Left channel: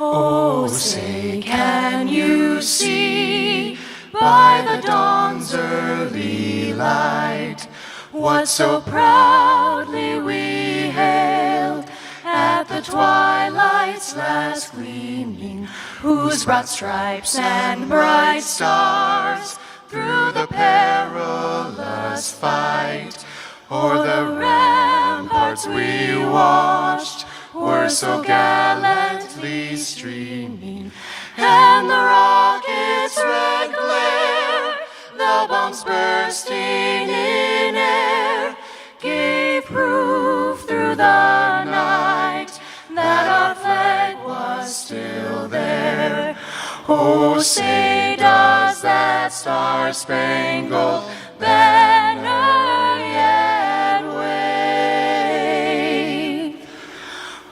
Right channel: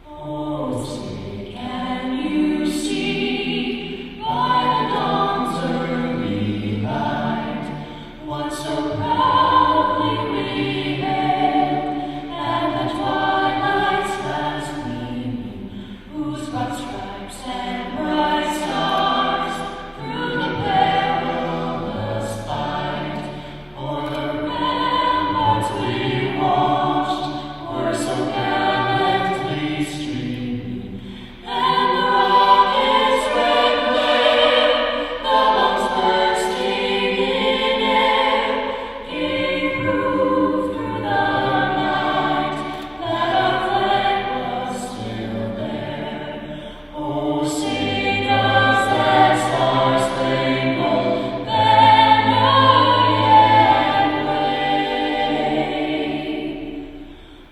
Oh, say, can you see by the dawn's early light what so proudly we hailed at the twilight's last gleaming, whose broad stripes and bright stars through the perilous fight o'er the ramparts we watched were so gallantly streaming, and the rocket's red glare, the bombs bursting in air, gave proof through the night that our flag was still there. Oh, say does that star-spangled banner yet wave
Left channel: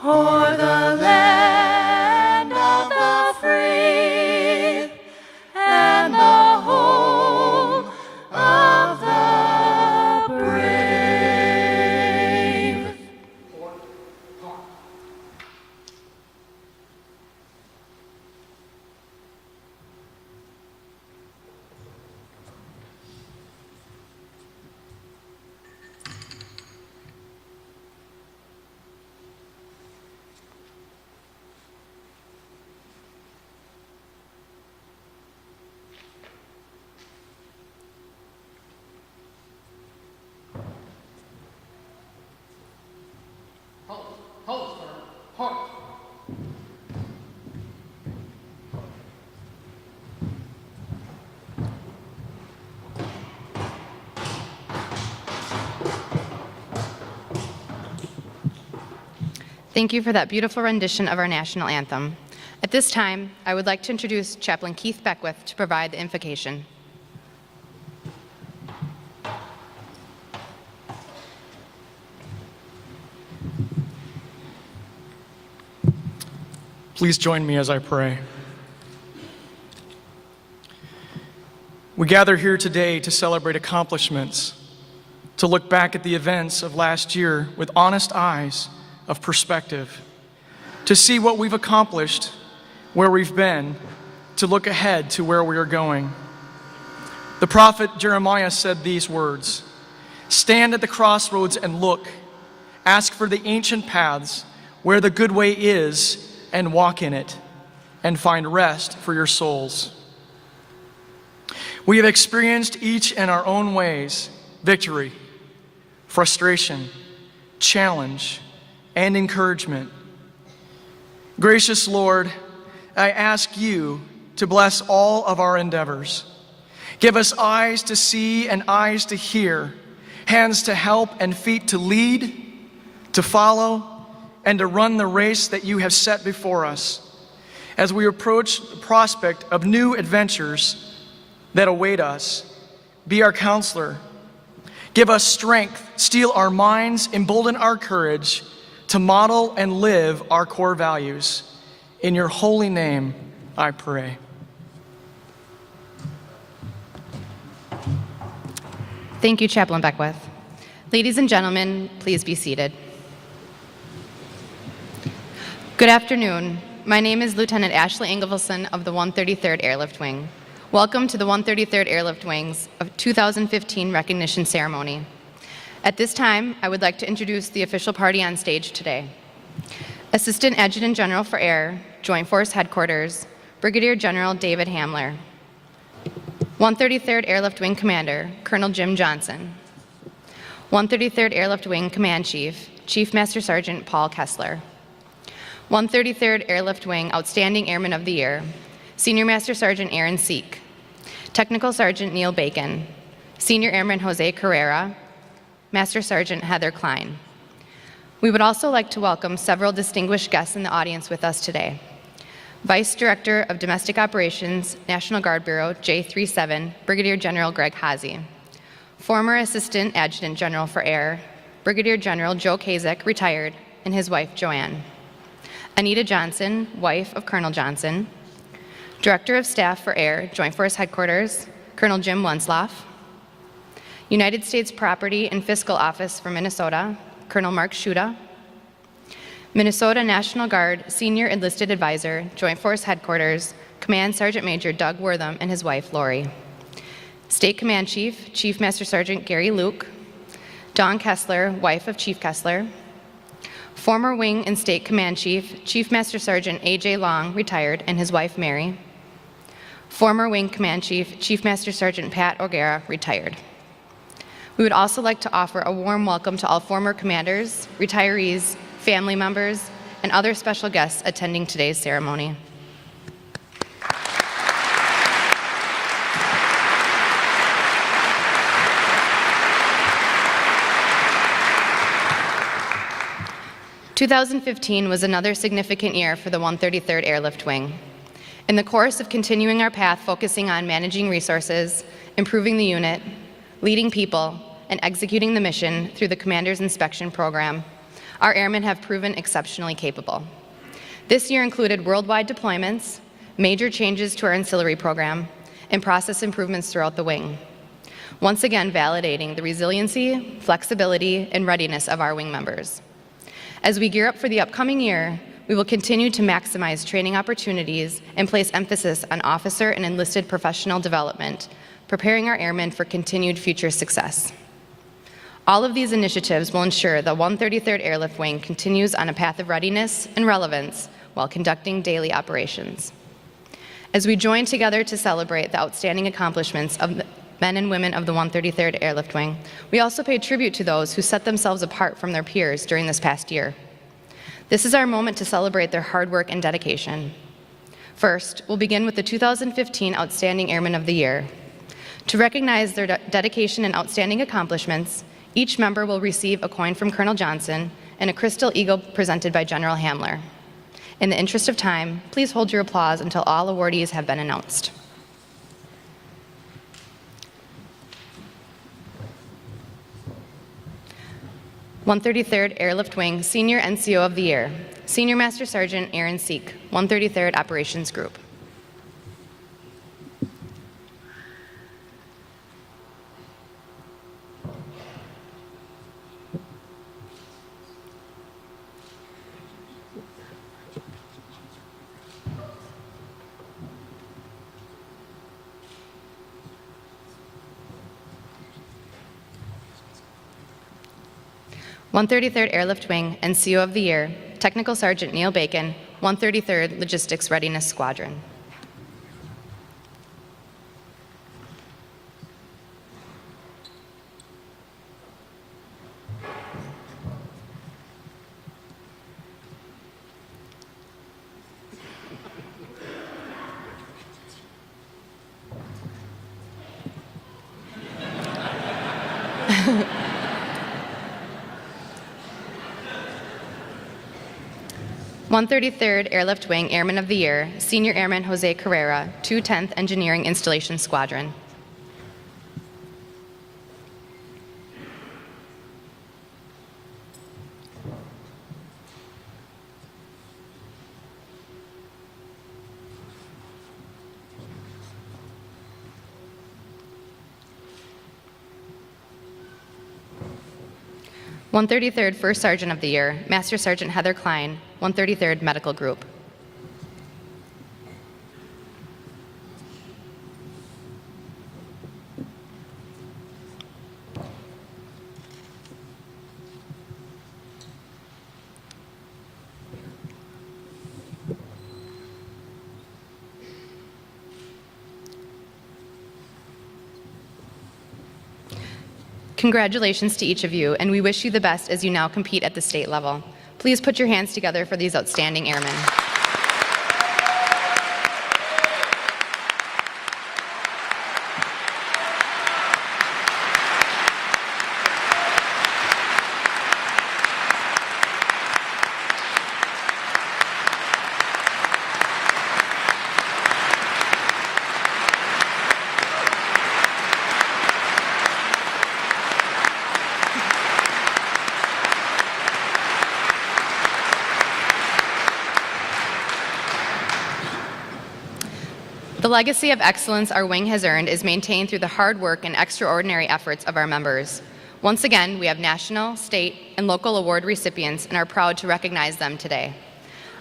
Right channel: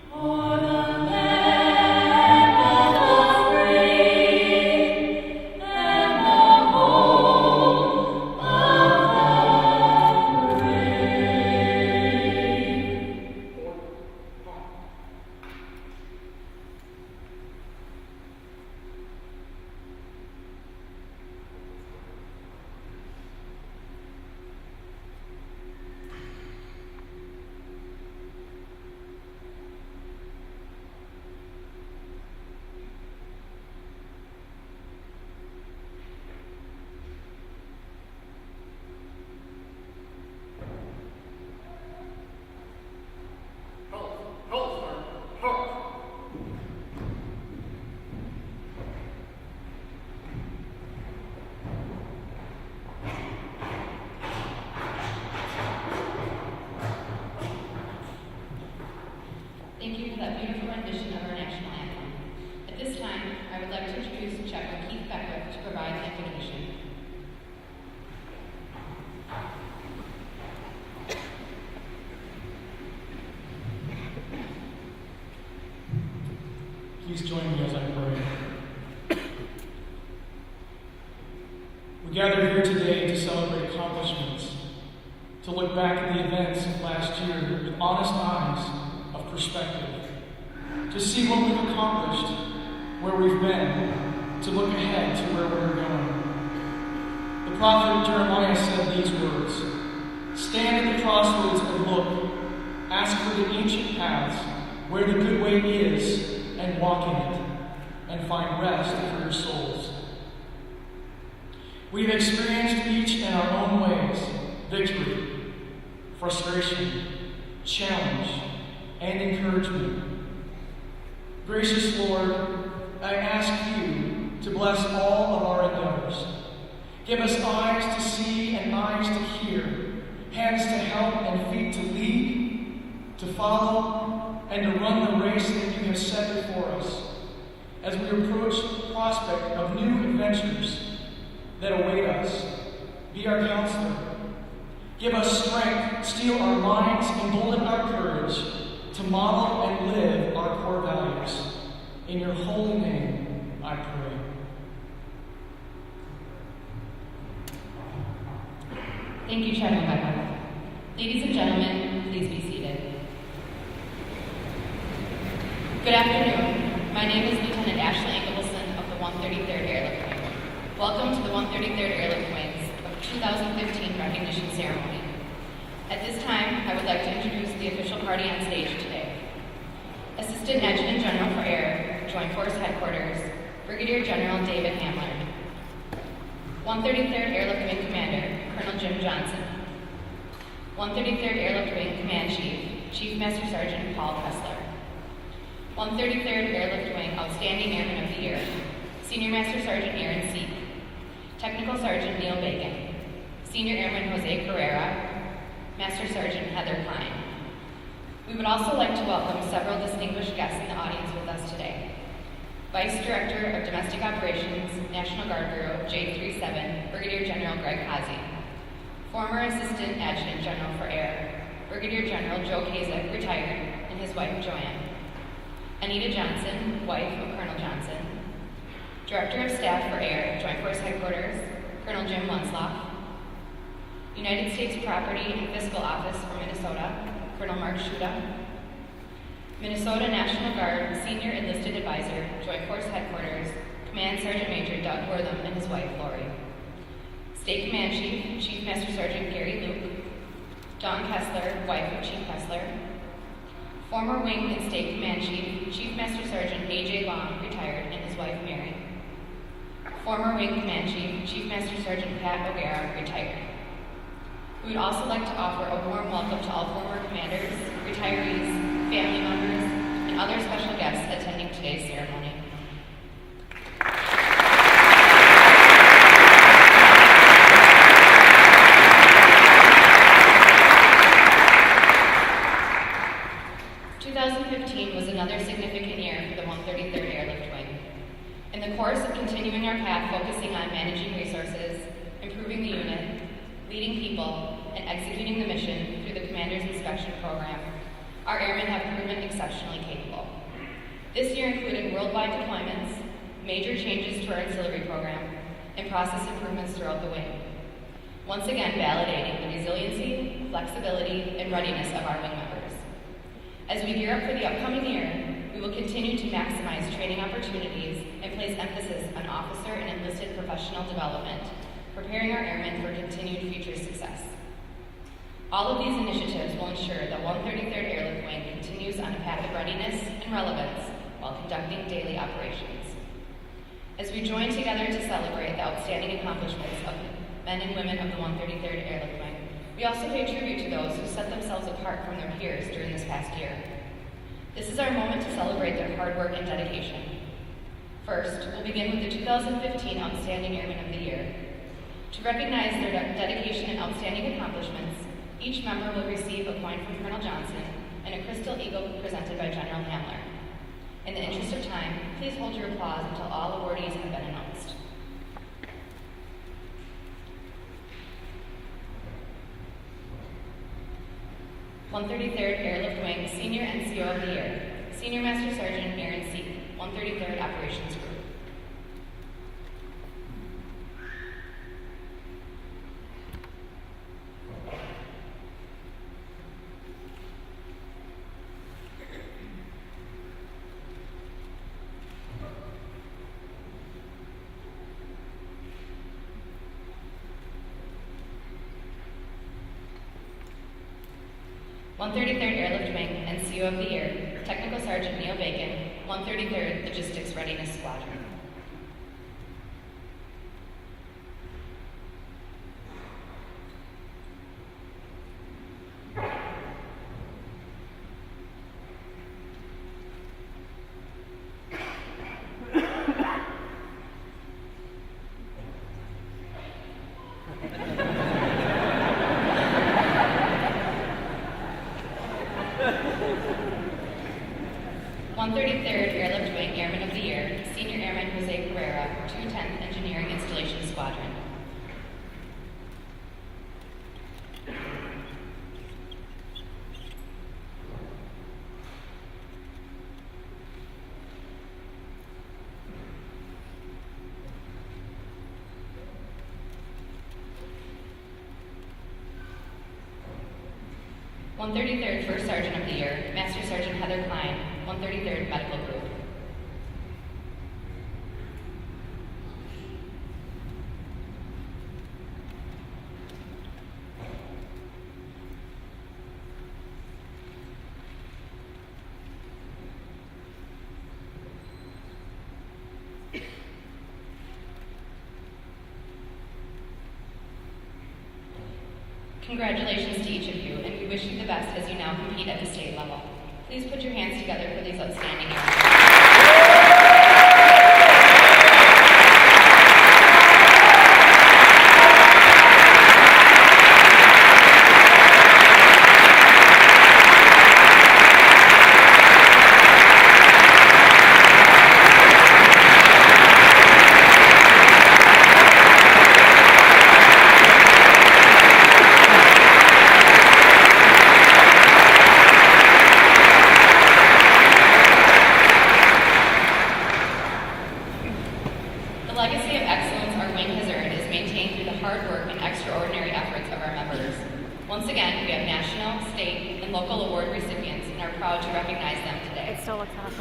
o'er the land of the free and the home of the brave? Thank you for that beautiful rendition of our national anthem. At this time, I would like to introduce Chaplain Keith Beckwith to provide the invocation. Please join me as I pray. We gather here today to celebrate accomplishments, to look back at the events of last year with honest eyes of perspective, to see what we've accomplished, where we've been, to look ahead to where we are going. The prophet Jeremiah said these words, "Stand at the crossroads and look, ask for the ancient paths, where the good way is, and walk in it, and find rest for your souls." We have experienced each in our own ways victory, frustration, challenge, and encouragement. Gracious Lord, I ask you to bless all of our endeavors. Give us eyes to see and eyes to hear, hands to help and feet to lead, to follow, and to run the race that you have set before us as we approach the prospect of new adventures that await us. Be our counselor. Give us strength, steel our minds, embolden our courage to model and live our core values. In your holy name, I pray. Thank you, Chaplain Beckwith. Ladies and gentlemen, please be seated. Good afternoon. My name is Lieutenant Ashley Engelfelson of the 133rd Airlift Wing. Welcome to the 133rd Airlift Wing's 2015 recognition ceremony. At this time, I would like to introduce the official party on stage today. Assistant Adjutant General for Air, Joint Force Headquarters, Brigadier General David Hamler. 133rd Airlift Wing Commander, Colonel Jim Johnson. 133rd Airlift Wing Command Chief, Chief Master Sergeant Paul Kessler. 133rd Airlift Wing Outstanding Airman of the Year, Senior Master Sergeant Aaron Seek. Technical Sergeant Neil Bacon. Senior Airman Jose Carrera, Master Sergeant Heather Klein. We would also like to welcome several distinguished guests in the audience with us today. Vice Director of Domestic Operations, National Guard Bureau, J37, Brigadier General Greg Hazy. Former Assistant Adjutant General for Air, Brigadier General Joe Kazak, retired, and his wife, Joanne. Anita Johnson, wife of Colonel Johnson. Director of Staff for Air, Joint Force Headquarters, Colonel Jim Wensloff. United States Property and Fiscal Office for Minnesota, Colonel Mark Schuda. Minnesota National Guard Senior Enlisted Advisor, Joint Force Headquarters, Command Sergeant Major Doug Wortham and his wife, Lori. State Command Chief, Chief Master Sergeant Gary Luke. Dawn Kessler, wife of Chief Kessler. Former Wing and State Command Chief, Chief Master Sergeant A.J. Long, retired, and his wife, Mary. Former Wing Command Chief, Chief Master Sergeant Pat O'Gara, retired. We would also like to offer a warm welcome to all former commanders, retirees, family members, and other special guests attending today's ceremony. "2015 was another significant year for the 133rd Airlift Wing. In the course of continuing our path focusing on managing resources, improving the unit, leading people, and executing the mission through the Commander's Inspection Program, our airmen have proven exceptionally capable. This year included worldwide deployments, major changes to our ancillary program, and process improvements throughout the wing, once again validating the resiliency, flexibility, and readiness of our wing members. As we gear up for the upcoming year, we will continue to maximize training opportunities and place emphasis on officer and enlisted professional development, preparing our airmen for continued future success. All of these initiatives will ensure the 133rd Airlift Wing continues on a path of readiness and relevance while conducting daily operations. As we join together to celebrate the outstanding accomplishments of the men and women of the 133rd Airlift Wing, we also pay tribute to those who set themselves apart from their peers during this past year. This is our moment to celebrate their hard work and dedication. First, we'll begin with the 2015 Outstanding Airmen of the Year. To recognize their dedication and outstanding accomplishments, each member will receive a coin from Colonel Johnson and a Crystal Eagle presented by General Hamler. In the interest of time, please hold your applause until all awardees have been announced. "133rd Airlift Wing Senior NCO of the Year, Senior Master Sergeant Aaron Seek, 133rd Operations Group. "133rd Airlift Wing NCO of the Year, Technical Sergeant Neil Bacon, 133rd Logistics Readiness Squadron. "133rd Airlift Wing Airman of the Year, Senior Airman Jose Carrera, 210th Engineering Installation Squadron. "133rd First Sergeant of the Year, Master Sergeant Heather Klein, 133rd Medical Group. Congratulations to each of you, and we wish you the best as you now compete at the state level. Please put your hands together for these outstanding airmen. legacy of excellence our wing has earned is maintained through the hard work and extraordinary efforts of our members. Once again, we have national, state, and local award recipients and are proud to recognize them today.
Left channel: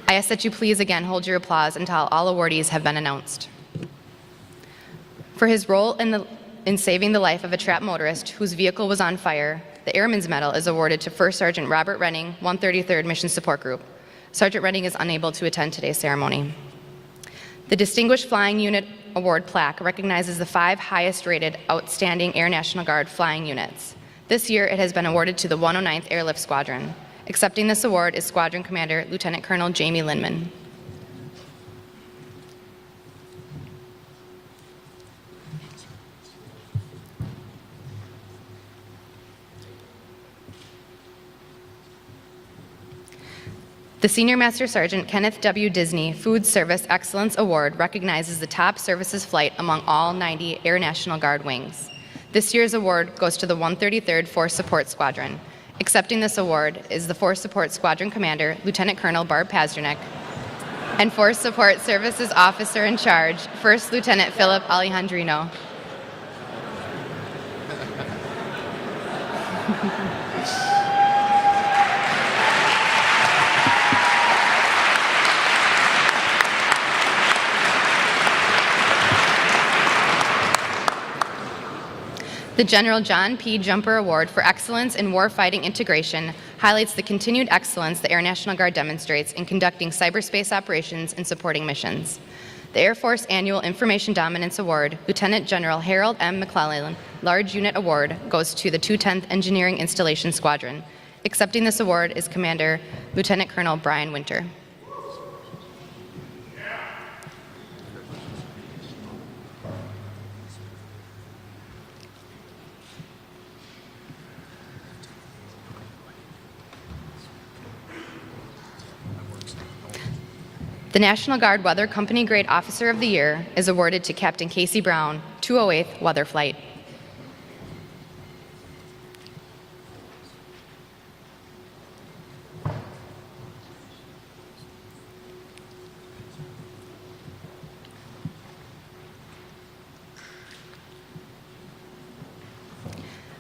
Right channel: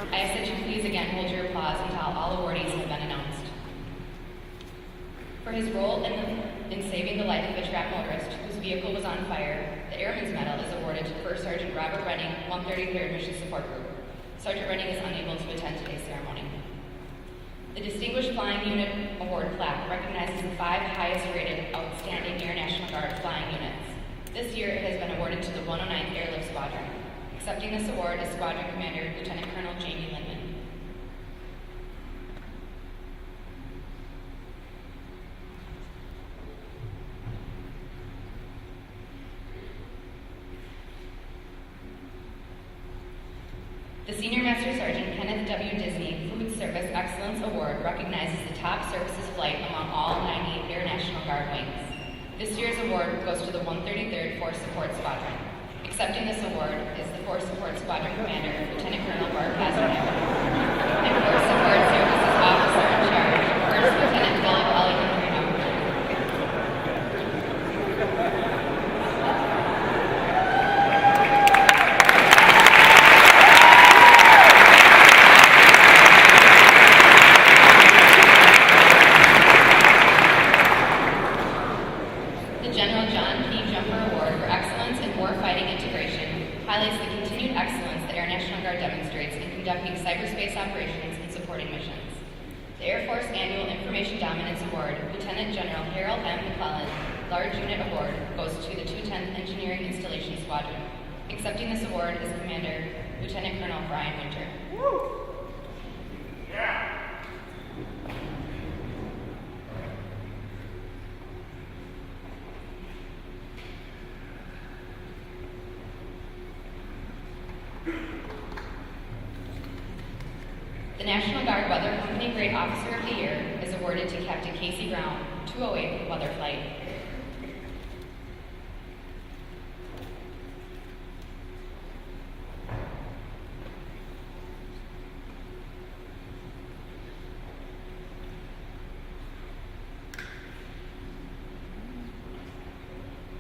I ask that you please again hold your applause until all awardees have been announced. For his role in saving the life of a trapped motorist whose vehicle was on fire, the Airman's Medal is awarded to First Sergeant Robert Renning, 133rd Mission Support Group. Sergeant Renning is unable to attend today's ceremony. The Distinguished Flying Unit Award plaque recognizes the 5 highest-rated outstanding Air National Guard flying units. This year, it has been awarded to the 109th Airlift Squadron. Accepting this award is Squadron Commander Lieutenant Colonel Jamie Lindman. The Senior Master Sergeant Kenneth W. Disney Food Service Excellence Award recognizes the top services flight among all 90 Air National Guard wings. This year's award goes to the 133rd Force Support Squadron. Accepting this award is the Force Support Squadron Commander, Lieutenant Colonel Barb Pasternak, and Force Support Services Officer in Charge, First Lieutenant Philip Alejandrino. The General John P. Jumper Award for Excellence in Warfighting Integration highlights the continued excellence the Air National Guard demonstrates in conducting cyberspace operations and supporting missions. The Air Force Annual Information Dominance Award, Lieutenant General Harold M. McClellan Large Unit Award, goes to the 210th Engineering Installation Squadron. Accepting this award is Commander Lieutenant Colonel Brian Winter. The National Guard Weather Company Grade Officer of the Year is awarded to Captain Casey Brown, 208th Weather Flight.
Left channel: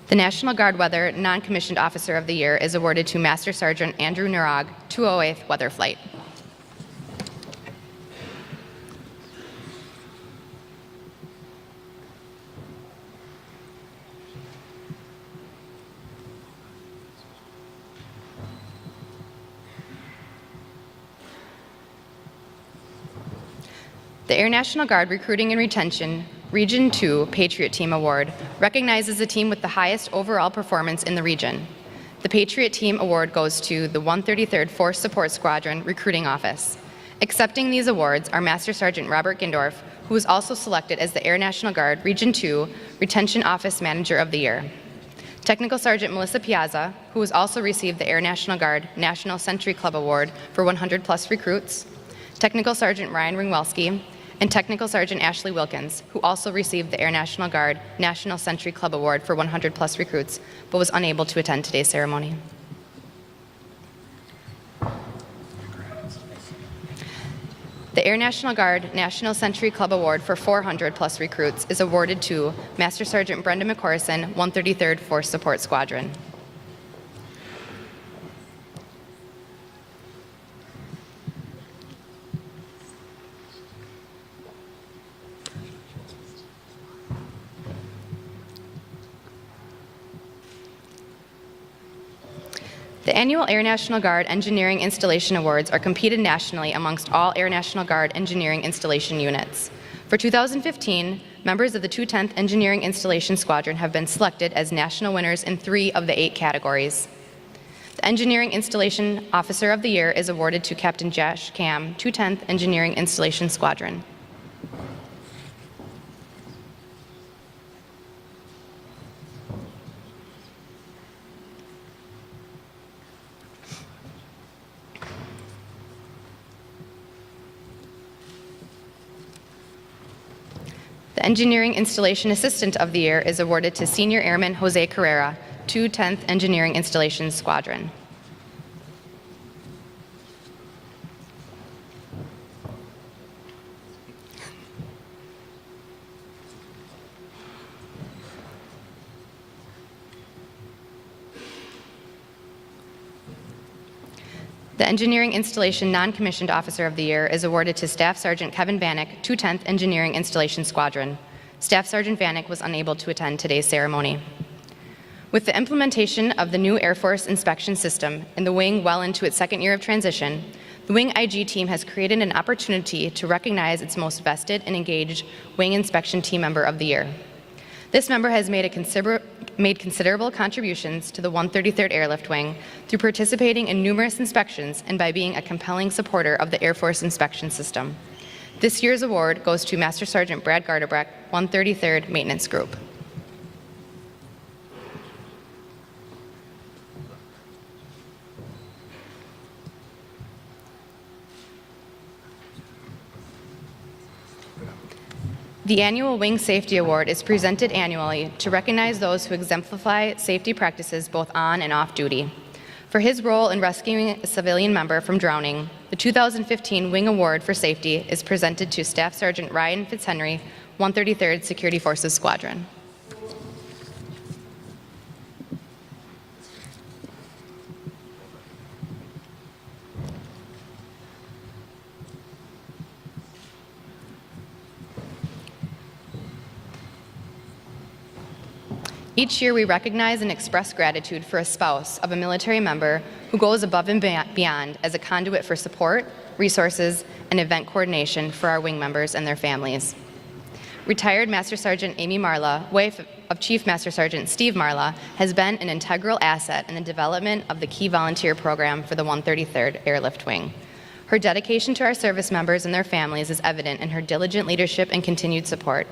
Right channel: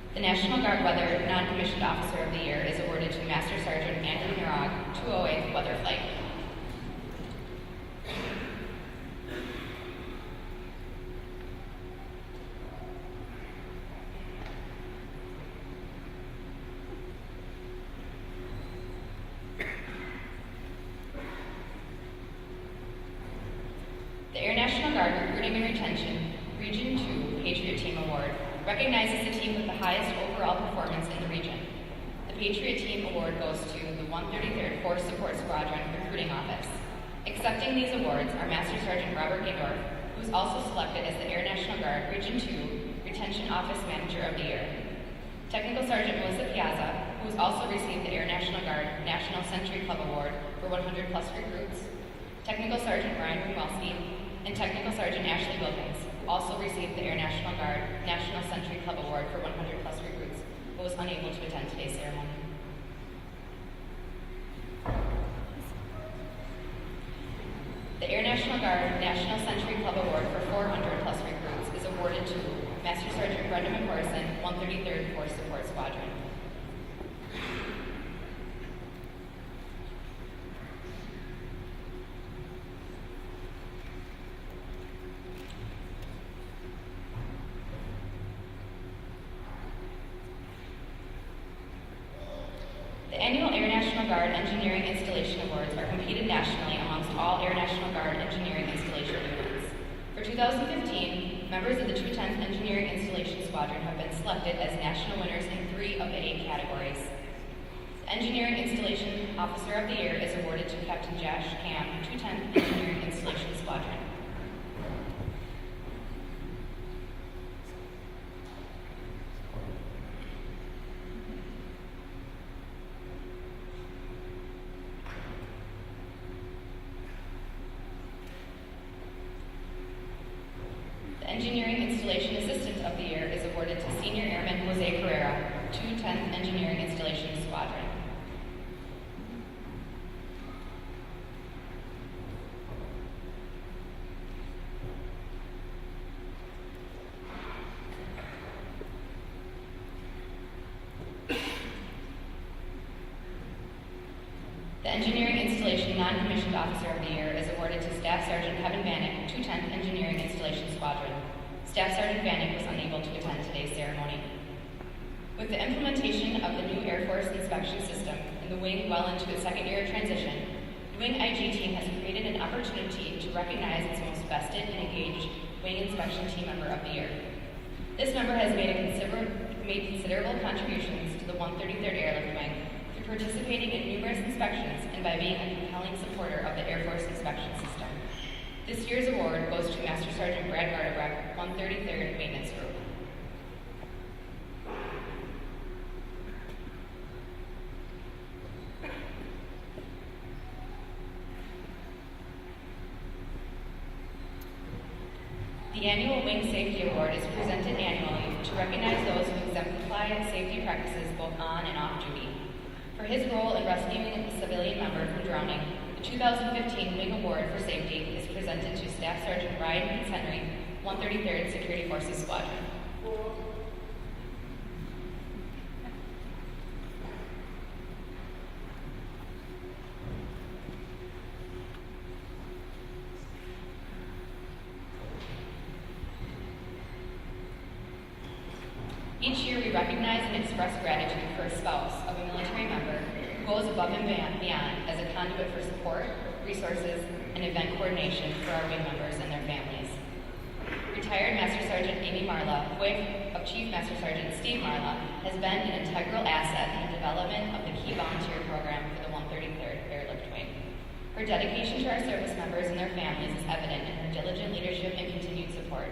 The National Guard Weather Non-Commissioned Officer of the Year is awarded to Master Sergeant Andrew Nurag, 208th Weather Flight. The Air National Guard Recruiting and Retention Region 2 Patriot Team Award recognizes the team with the highest overall performance in the region. The Patriot Team Award goes to the 133rd Force Support Squadron Recruiting Office. Accepting these awards are Master Sergeant Robert Gindorf, who was also selected as the Air National Guard Region 2 Retention Office Manager of the Year. Technical Sergeant Melissa Piazza, who has also received the Air National Guard National Century Club Award for 100+ recruits. Technical Sergeant Ryan Ringwelski, and Technical Sergeant Ashley Wilkins, who also received the Air National Guard National Century Club Award for 100+ recruits, but was unable to attend today's ceremony. The Air National Guard National Century Club Award for 400+ recruits is awarded to Master Sergeant Brenda McCorson, 133rd Force Support Squadron. The annual Air National Guard Engineering Installation Awards are competed nationally amongst all Air National Guard engineering installation units. For 2015, members of the 210th Engineering Installation Squadron have been selected as national winners in 3 of the 8 categories. The Engineering Installation Officer of the Year is awarded to Captain Josh Cam, 210th Engineering Installation Squadron. The Engineering Installation Assistant of the Year is awarded to Senior Airman Jose Carrera, 210th Engineering Installation Squadron. The Engineering Installation Non-Commissioned Officer of the Year is awarded to Staff Sergeant Kevin Vanek, 210th Engineering Installation Squadron. Staff Sergeant Vanek was unable to attend today's ceremony. With the implementation of the new Air Force inspection system and the wing well into its second year of transition, the Wing IG team has created an opportunity to recognize its most vested and engaged Wing Inspection Team Member of the Year. This member has made considerable contributions to the 133rd Airlift Wing through participating in numerous inspections and by being a compelling supporter of the Air Force inspection system. This year's award goes to Master Sergeant Brad Gardebrecht, 133rd Maintenance Group. The annual Wing Safety Award is presented annually to recognize those who exemplify safety practices both on and off duty. For his role in rescuing a civilian member from drowning, the 2015 Wing Award for Safety is presented to Staff Sergeant Ryan Fitzhenry, 133rd Security Forces Squadron. Each year, we recognize and express gratitude for a spouse of a military member who goes above and beyond as a conduit for support, resources, and event coordination for our wing members and their families. Retired Master Sergeant Amy Marla, wife of Chief Master Sergeant Steve Marla, has been an integral asset in the development of the Key Volunteer Program for the 133rd Airlift Wing. Her dedication to our service members and their families is evident in her diligent leadership and continued support.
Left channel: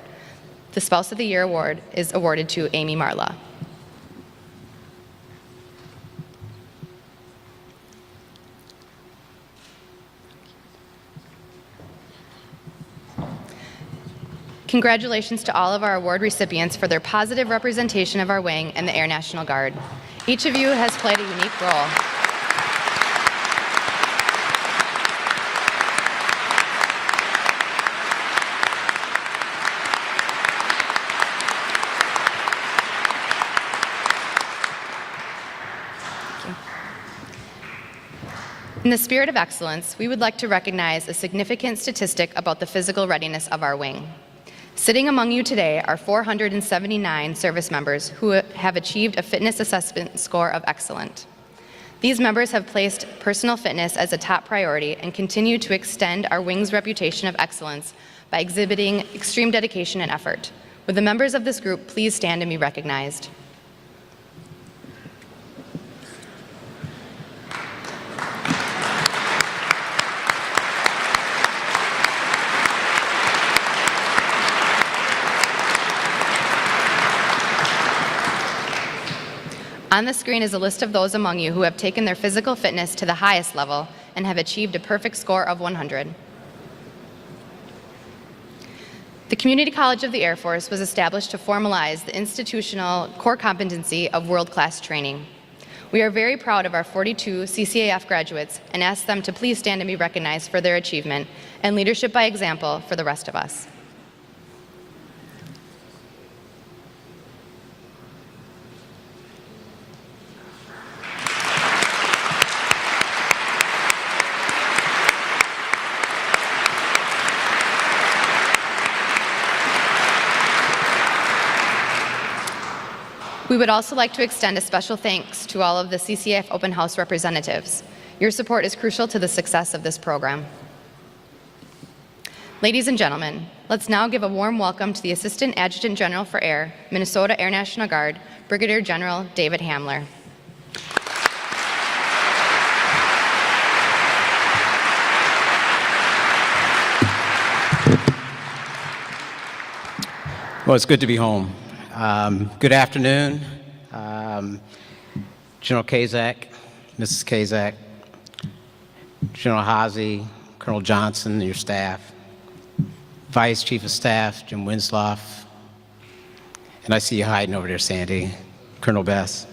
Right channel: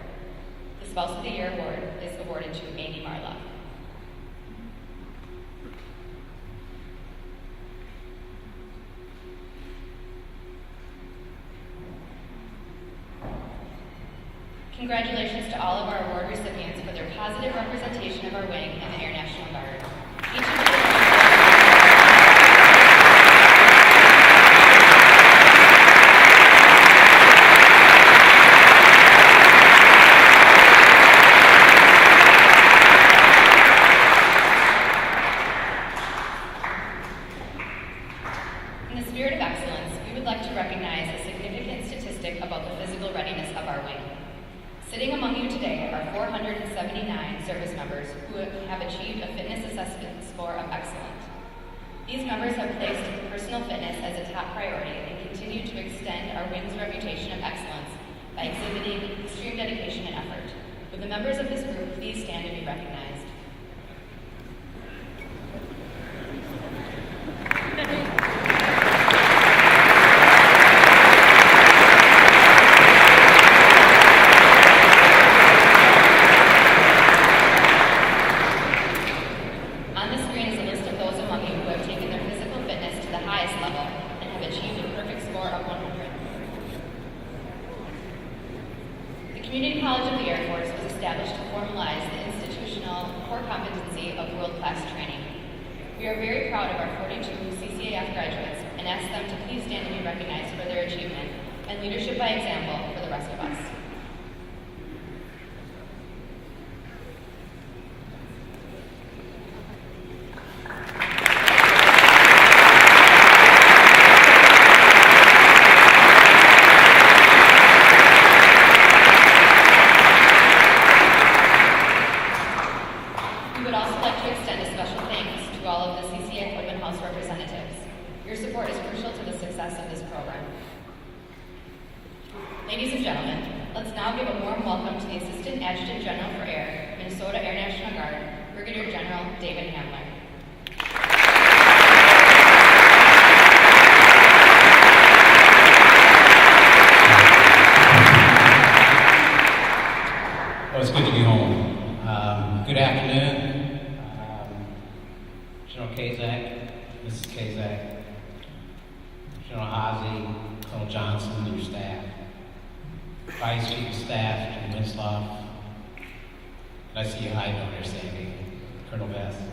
The Spouse of the Year award is awarded to Amy Marla. Congratulations to all of our award recipients for their positive representation of our wing and the Air National Guard. Each of you has played a role. In the spirit of excellence, we would like to recognize a significant statistic about the physical readiness of our wing. Sitting among you today are 479 service members who have achieved a fitness assessment score of excellent. These members have placed personal fitness as a top priority and continue to extend our wing's reputation of excellence by exhibiting extreme dedication and effort. Would the members of this group please stand and be recognized? On the screen is a list of those among you who have taken their physical fitness to the highest level and have achieved a perfect score of 100. The Community College of the Air Force was established to formalize the institutional core competency of world-class training. We are very proud of our 42 CCAF graduates and ask them to please stand and be recognized for their achievement and leadership by example for the rest of us. We would also like to extend a special thanks to all of the CCAF Open House representatives. Your support is crucial to the success of this program. Ladies and gentlemen, let's now give a warm welcome to the Assistant Adjutant General for Air, Minnesota Air National Guard, Brigadier General David Hamler. Well, it's good to be home. Good afternoon, General Kazak, Mrs. Kazak, General Hazy, Colonel Johnson, and your staff, Vice Chief of Staff, Jim Winsloff, and I see you hiding over there, Sandy, Colonel Bess,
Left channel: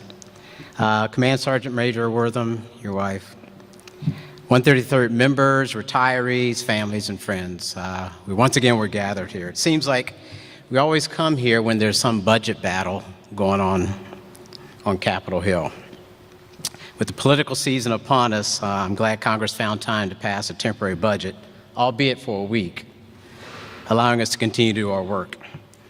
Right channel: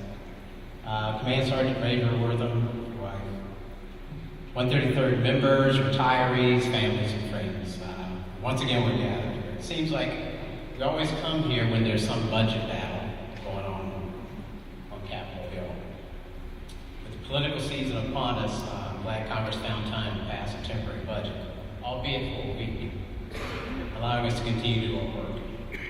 Command Sergeant Major Wortham, your wife, 133rd members, retirees, families, and friends. Once again, we're gathered here. It seems like we always come here when there's some budget battle going on Capitol Hill. With the political season upon us, I'm glad Congress found time to pass a temporary budget, albeit for a week, allowing us to continue to do our work. I'm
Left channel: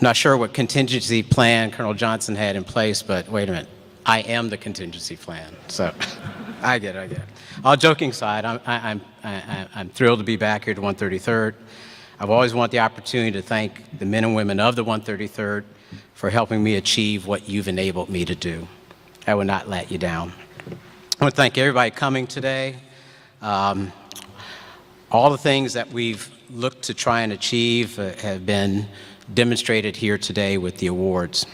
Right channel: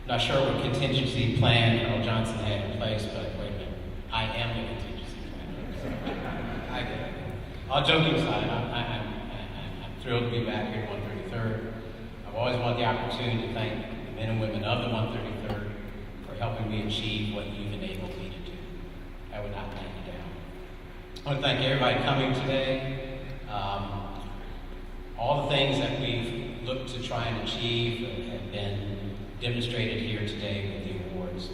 not sure what contingency plan Colonel Johnson had in place, but wait a minute, I am the contingency plan, so I get it. All joking aside, I'm thrilled to be back here at the 133rd. I've always wanted the opportunity to thank the men and women of the 133rd for helping me achieve what you've enabled me to do. I will not let you down. I want to thank everybody coming today. All the things that we've looked to try and achieve have been demonstrated here today with the awards.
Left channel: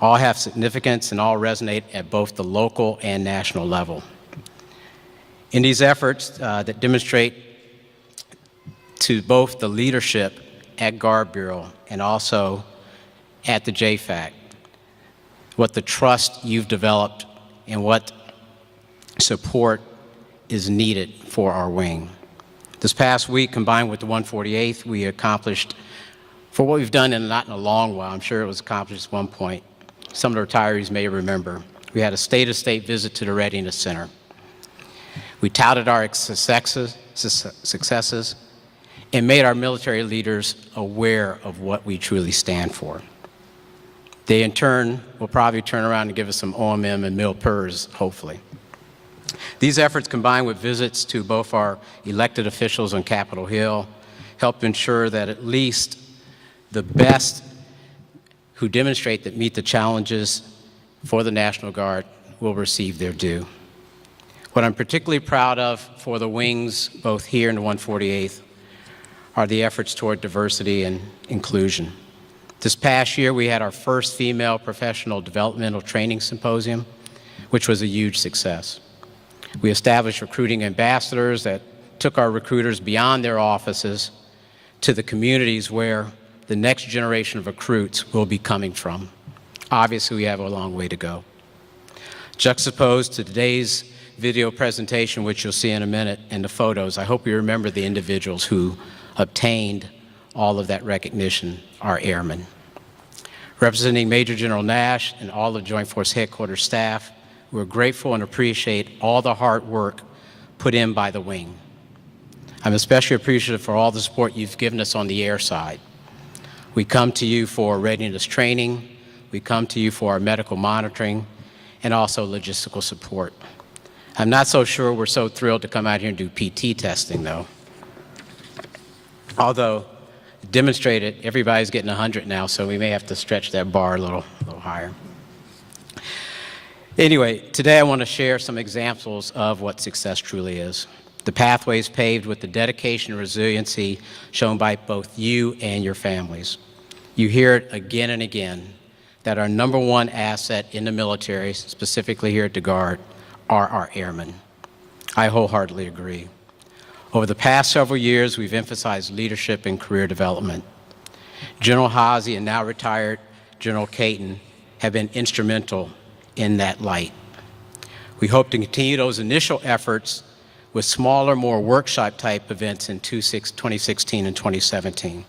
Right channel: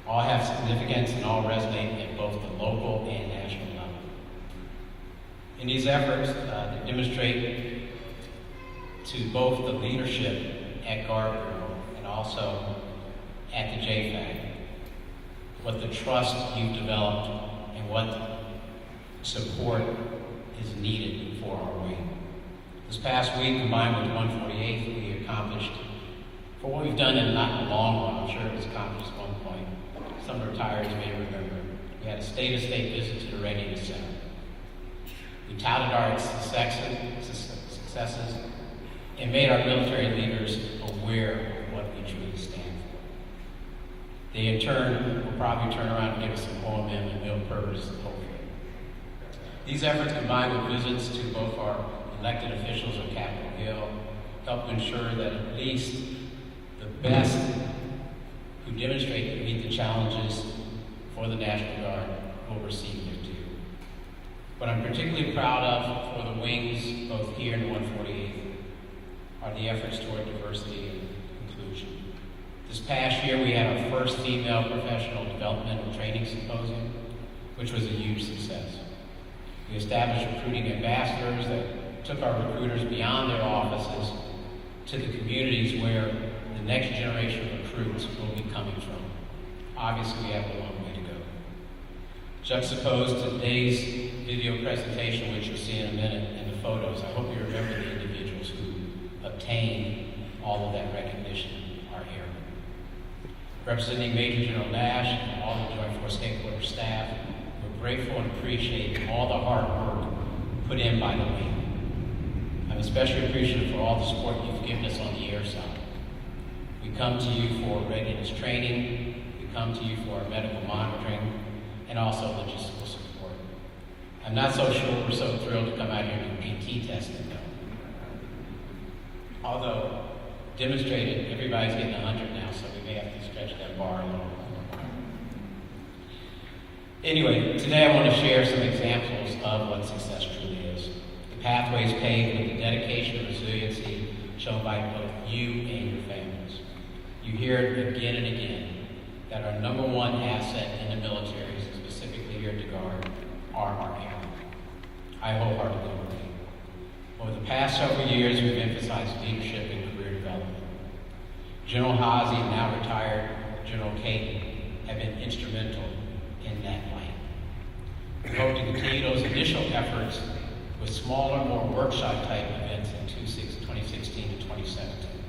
All have significance and all resonate at both the local and national level. In these efforts that demonstrate to both the leadership at Guard Bureau and also at the JFAC what the trust you've developed and what support is needed for our wing. This past week, combined with the 148th, we accomplished, for what we've done in not in a long while, I'm sure it was accomplished at one point, some of the retirees may remember, we had a state-of-state visit to the Readiness Center. We touted our successes and made our military leaders aware of what we truly stand for. They, in turn, will probably turn around and give us some OMM and MilPERS, hopefully. These efforts, combined with visits to both our elected officials on Capitol Hill, help ensure that at least the best who demonstrate that meet the challenges for the National Guard will receive their due. What I'm particularly proud of for the wings, both here in the 148th, are the efforts toward diversity and inclusion. This past year, we had our first female professional developmental training symposium, which was a huge success. We established recruiting ambassadors that took our recruiters beyond their offices to the communities where the next generation of recruits will be coming from. Obviously, we have a long way to go. Juxtaposed to today's video presentation, which you'll see in a minute, and the photos, I hope you remember the individuals who obtained all of that recognition, our airmen. Representing Major General Nash and all of Joint Force Headquarters staff, we're grateful and appreciate all the hard work put in by the wing. I'm especially appreciative for all the support you've given us on the air side. We come to you for readiness training, we come to you for our medical monitoring, and also logistical support. I'm not so sure we're so thrilled to come out here and do PT testing, though. Although, demonstrated, everybody's getting 100 now, so we may have to stretch that bar a little higher. Anyway, today I want to share some examples of what success truly is. The pathways paved with the dedication and resiliency shown by both you and your families. You hear it again and again that our number one asset in the military, specifically here at the Guard, are our airmen. I wholeheartedly agree. Over the past several years, we've emphasized leadership and career development. General Haase and now retired General Caton have been instrumental in that light. We hope to continue those initial efforts with smaller, more workshop-type events in 2016 and 2017.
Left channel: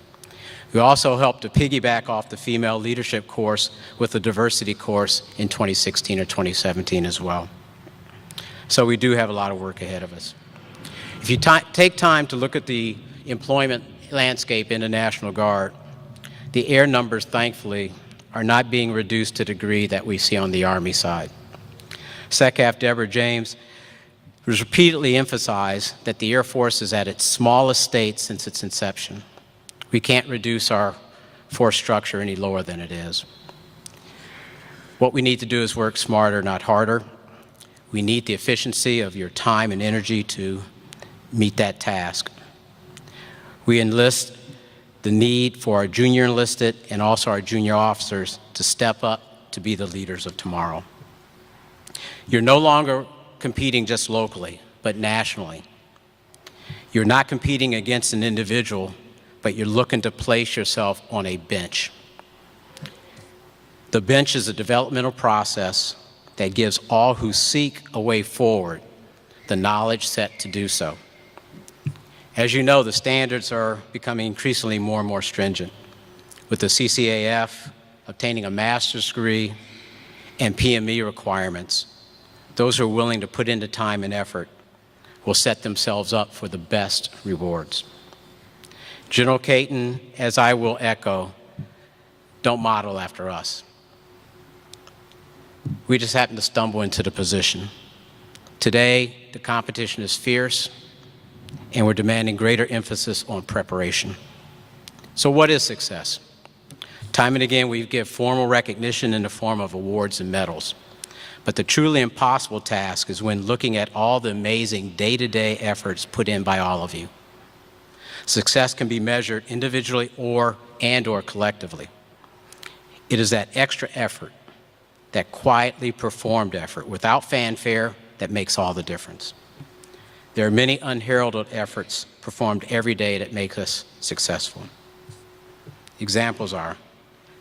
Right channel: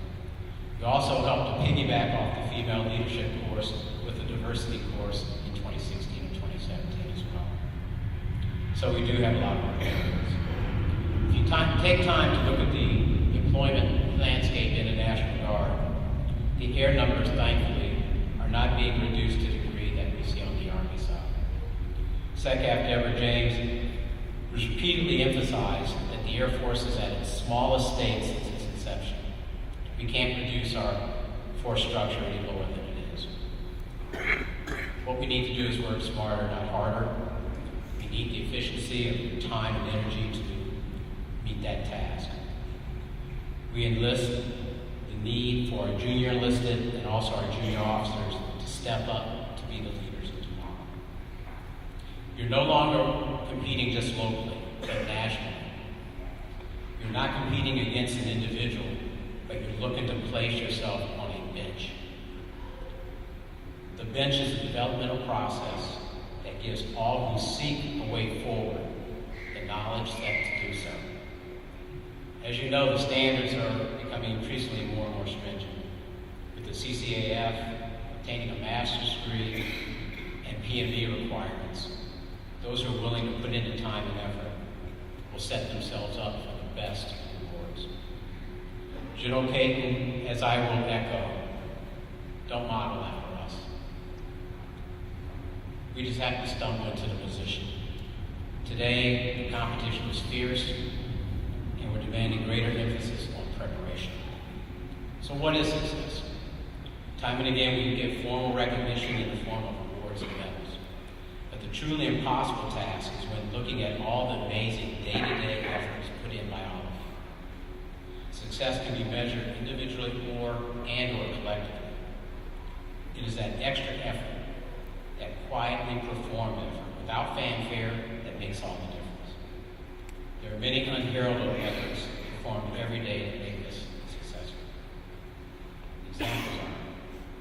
We also hope to piggyback off the female leadership course with the diversity course in 2016 or 2017 as well. So we do have a lot of work ahead of us. If you take time to look at the employment landscape in the National Guard, the air numbers, thankfully, are not being reduced to the degree that we see on the Army side. SecAf Deborah James has repeatedly emphasized that the Air Force is at its smallest state since its inception. We can't reduce our force structure any lower than it is. What we need to do is work smarter, not harder. We need the efficiency of your time and energy to meet that task. We enlist the need for our junior enlisted and also our junior officers to step up to be the leaders of tomorrow. You're no longer competing just locally, but nationally. You're not competing against an individual, but you're looking to place yourself on a bench. The bench is a developmental process that gives all who seek a way forward the knowledge set to do so. As you know, the standards are becoming increasingly more and more stringent, with the CCAF obtaining a master's degree and PME requirements. Those who are willing to put in the time and effort will set themselves up for the best rewards. General Caton, as I will echo, don't model after us. We just happened to stumble into the position. Today, the competition is fierce, and we're demanding greater emphasis on preparation. So what is success? Time and again, we give formal recognition in the form of awards and medals. But the truly impossible task is when looking at all the amazing day-to-day efforts put in by all of you. Success can be measured individually or collectively. It is that extra effort, that quietly performed effort without fanfare, that makes all the difference. There are many unheralded efforts performed every day that make us successful. Examples are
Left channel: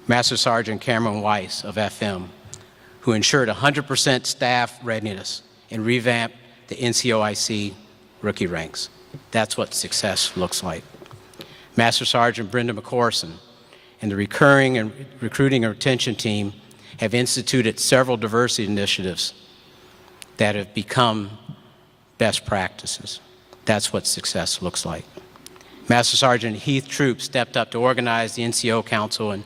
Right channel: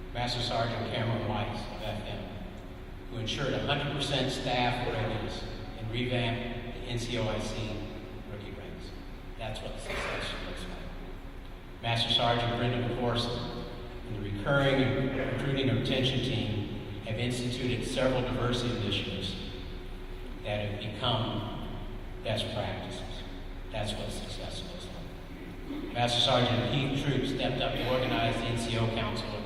Master Sergeant Cameron Weiss of FM, who ensured 100% staff readiness and revamped the NCOIC rookie ranks. That's what success looks like. Master Sergeant Brenda McCorson and the recurring and recruiting and retention team have instituted several diversity initiatives that have become best practices. That's what success looks like. Master Sergeant Heath Troop stepped up to organize the NCO Council and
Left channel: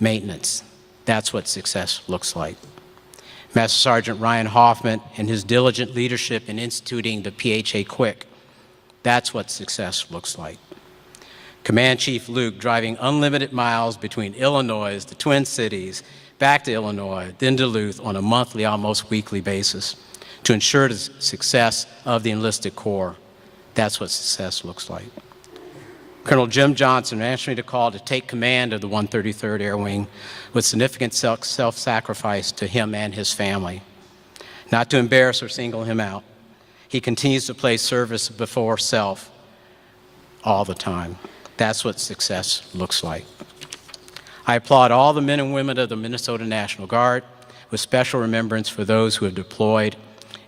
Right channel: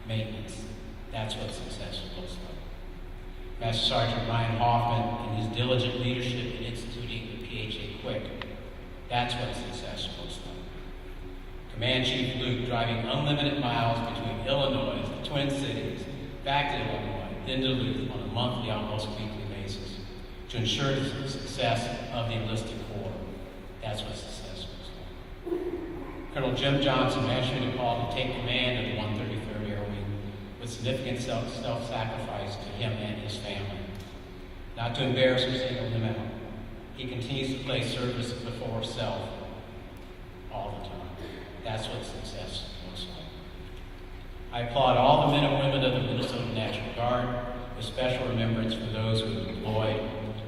maintenance. That's what success looks like. Master Sergeant Ryan Hoffman and his diligent leadership in instituting the PHA Quick. That's what success looks like. Command Chief Luke driving unlimited miles between Illinois, the Twin Cities, back to Illinois, then Duluth on a monthly, almost weekly basis to ensure the success of the enlisted corps. That's what success looks like. Colonel Jim Johnson answering the call to take command of the 133rd Air Wing with significant self-sacrifice to him and his family. Not to embarrass or single him out, he continues to place service before self all the time. That's what success looks like. I applaud all the men and women of the Minnesota National Guard with special remembrance for those who have deployed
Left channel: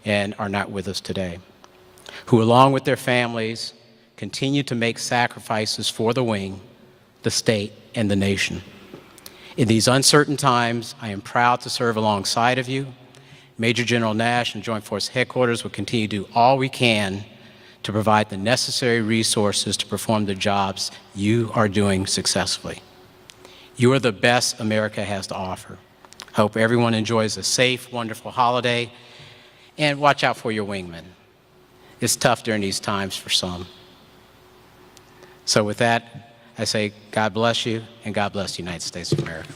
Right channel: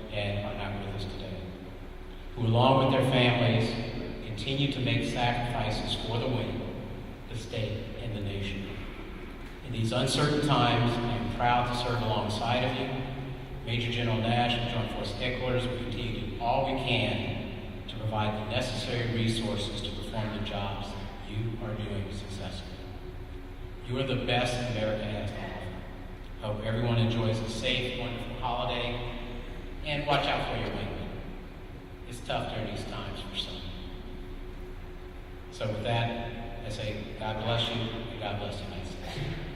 and are not with us today, who along with their families continue to make sacrifices for the wing, the state, and the nation. In these uncertain times, I am proud to serve alongside of you. Major General Nash and Joint Force Headquarters will continue to do all we can to provide the necessary resources to perform the jobs you are doing successfully. You are the best America has to offer. I hope everyone enjoys a safe, wonderful holiday, and watch out for your wingmen. It's tough during these times for some. So with that, I say God bless you, and God bless the United States of America.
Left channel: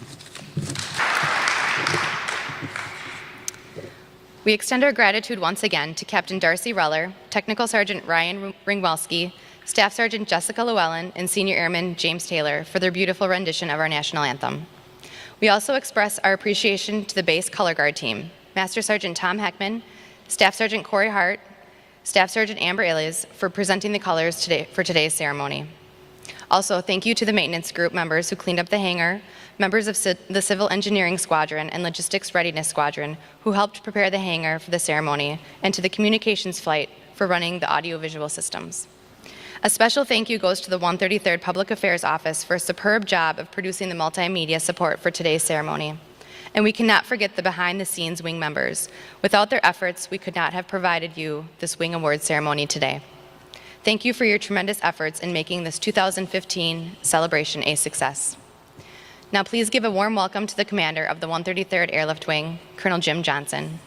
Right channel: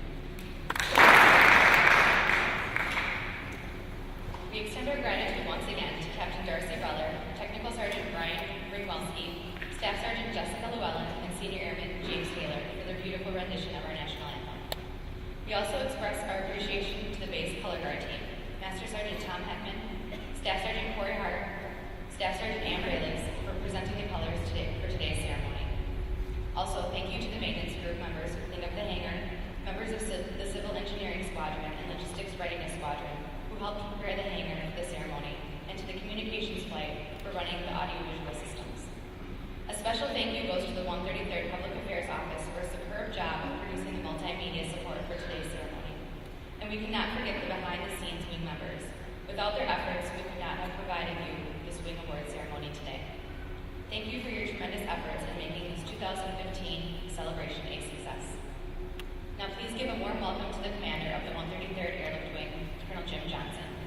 We extend our gratitude once again to Captain Darcy Reller, Technical Sergeant Ryan Ringwelski, Staff Sergeant Jessica Llewellyn, and Senior Airman James Taylor for their beautiful rendition of our national anthem. We also express our appreciation to the base color guard team, Master Sergeant Tom Heckman, Staff Sergeant Corey Hart, Staff Sergeant Amber Illes for presenting the colors for today's ceremony. Also, thank you to the maintenance group members who cleaned up the hangar, members of the Civil Engineering Squadron and Logistics Readiness Squadron who helped prepare the hangar for the ceremony, and to the communications flight for running the audiovisual systems. A special thank you goes to the 133rd Public Affairs Office for a superb job of producing the multimedia support for today's ceremony. And we cannot forget the behind-the-scenes wing members. Without their efforts, we could not have provided you this Wing Award ceremony today. Thank you for your tremendous efforts in making this 2015 celebration a success. Now please give a warm welcome to the commander of the 133rd Airlift Wing, Colonel Jim Johnson.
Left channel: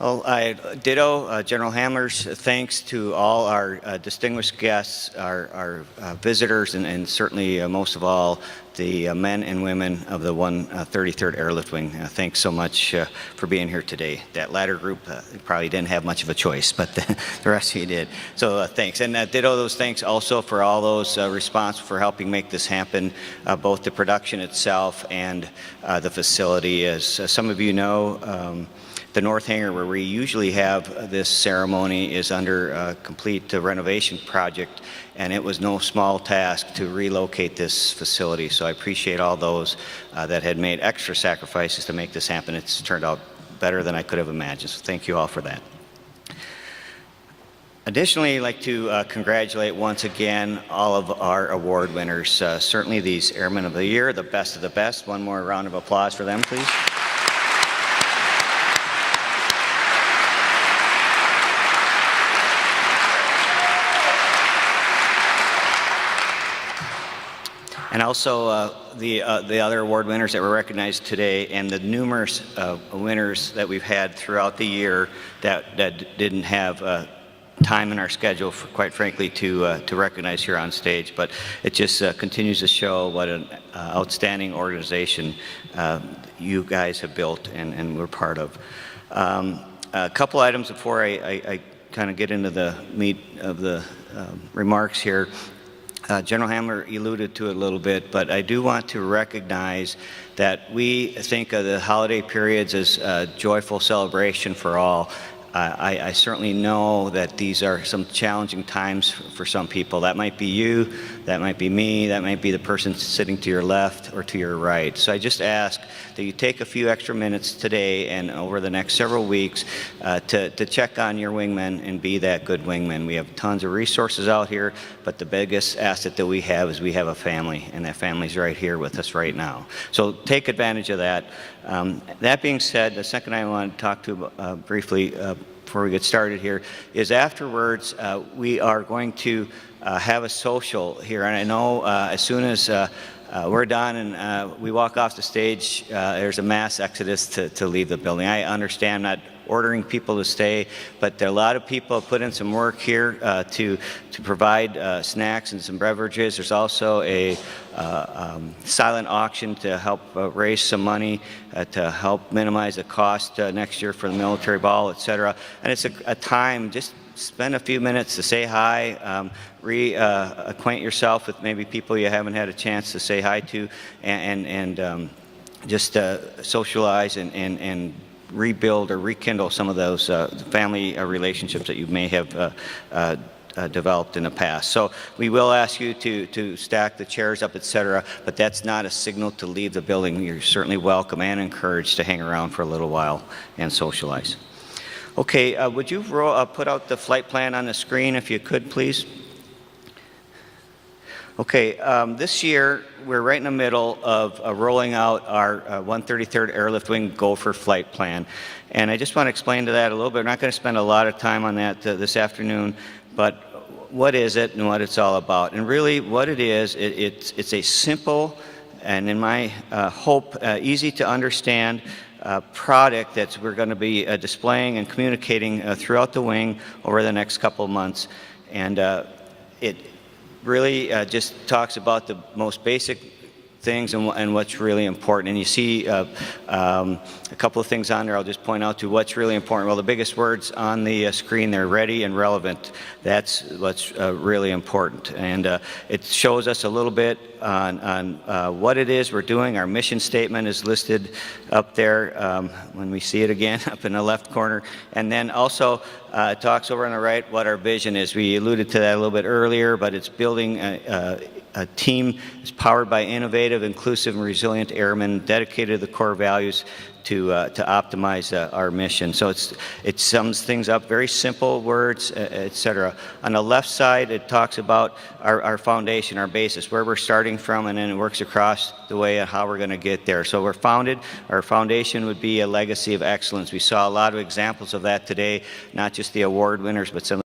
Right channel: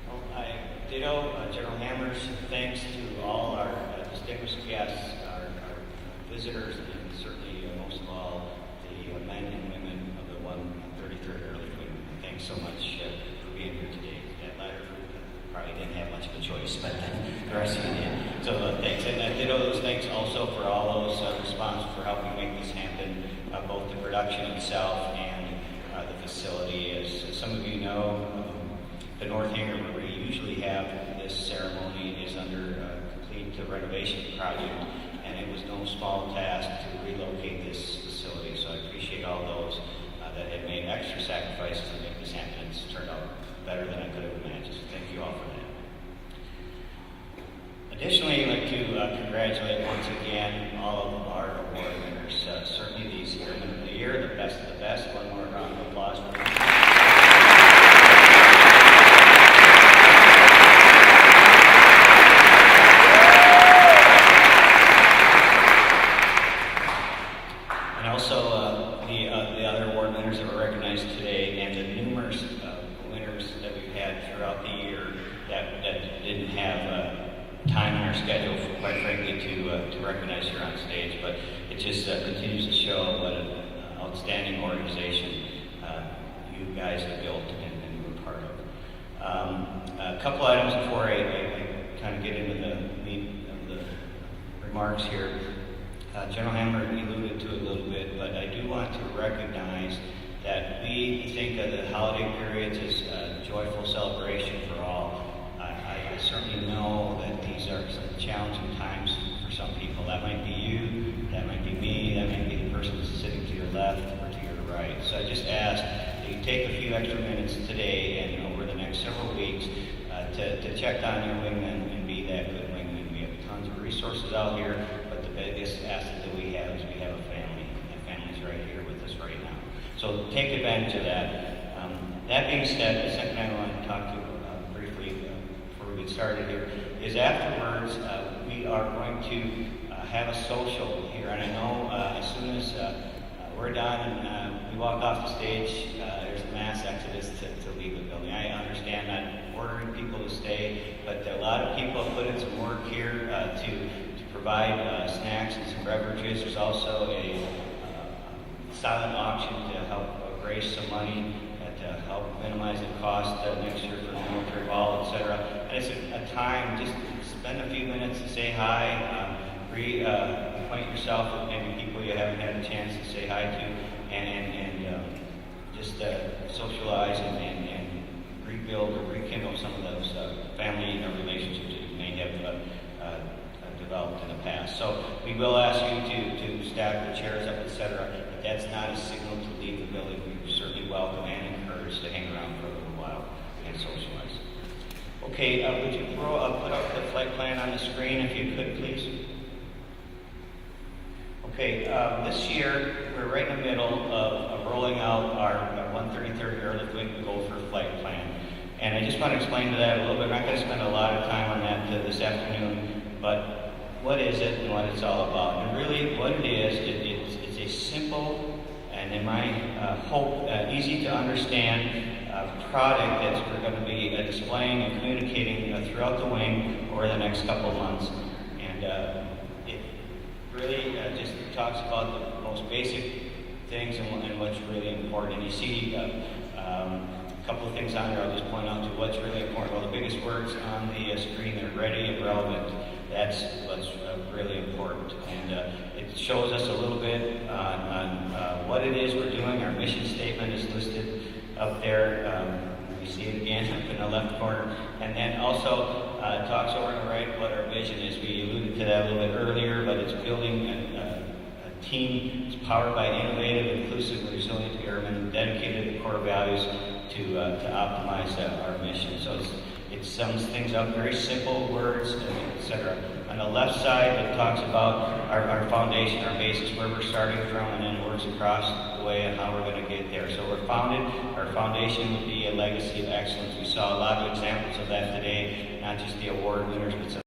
Well, I ditto General Hamler's thanks to all our distinguished guests, our visitors, and certainly most of all the men and women of the 133rd Airlift Wing. Thanks so much for being here today. That latter group probably didn't have much of a choice, but the rest of you did. So thanks, and ditto those thanks also for all those responsible for helping make this happen, both the production itself and the facility. As some of you know, the North Hangar, where we usually have this ceremony, is under a complete renovation project, and it was no small task to relocate this facility. So I appreciate all those that had made extra sacrifices to make this happen. It's turned out better than I could have imagined, so thank you all for that. Additionally, I'd like to congratulate once again all of our award winners. Certainly these Airmen of the Year, the best of the best. One more round of applause for them, please. And also the other award winners that were recognized today, and the numerous winners that we've had throughout the year that didn't have time in our schedule, quite frankly, to recognize here on stage. But it just continues to show what an outstanding organization you guys have built and we're part of. A couple items before I kind of get into the meat of the remarks here. General Hamler alluded to it a little bit, but I do want to recognize that we think of the holiday periods as a joyful celebration for all. I certainly know that these are some challenging times for some people. That might be you, that might be me, that might be the person sitting to your left or to your right. So I just ask that you take a few extra minutes today and over the next several weeks to check on your wingmen and be that good wingman. We have tons of resources out here, but the biggest asset that we have is we have a family, and that family's right here with us right now. So take advantage of that. That being said, the second I want to talk to briefly before we get started here is afterwards we are going to have a social here, and I know as soon as we're done and we walk off the stage, there's a mass exodus to leave the building. I understand not ordering people to stay, but a lot of people have put in some work here to provide snacks and some beverages. There's also a silent auction to help raise some money to help minimize the cost next year for the military ball, etc. And it's a time, just spend a few minutes to say hi, reacquaint yourself with maybe people you haven't had a chance to say hi to, and just socialize and rebuild or rekindle some of those family relationships that you may have developed in the past. So we will ask you to stack the chairs up, etc., but that's not a signal to leave the building. You're certainly welcome and encouraged to hang around for a little while and socialize. Okay, would you put out the flight plan on the screen if you could, please? Okay, this year we're right in the middle of rolling out our 133rd Airlift Wing Gopher flight plan. And I just want to explain to that a little bit. We're not going to spend a lot of time on that this afternoon, but what is it and what it's all about? And really what it is, it's a simple and, in my hope, easy to understand product that we're going to be displaying and communicating throughout the wing over the next couple of months. And it really just talks about the most basic things and what's really important. And you see a couple of things on there I'll just point out to what's really important. Well, the biggest words on the screen, they're ready and relevant. That's what's really important. And it shows us a little bit on what it is we're doing. Our mission statement is listed up there when we see it again up in the left corner. And then also it talks over on the right what our vision is. We alluded to that a little bit earlier, but it's building a team is powered by innovative, inclusive, and resilient airmen dedicated to the core values to optimize our mission. So it sums things up, very simple words, etc. On the left side, it talks about our foundation, our basis, where we're starting from, and then it works across the way on how we're going to get there. So we're founded, our foundation would be a legacy of excellence. We saw a lot of examples of that today, not just the award winners, but some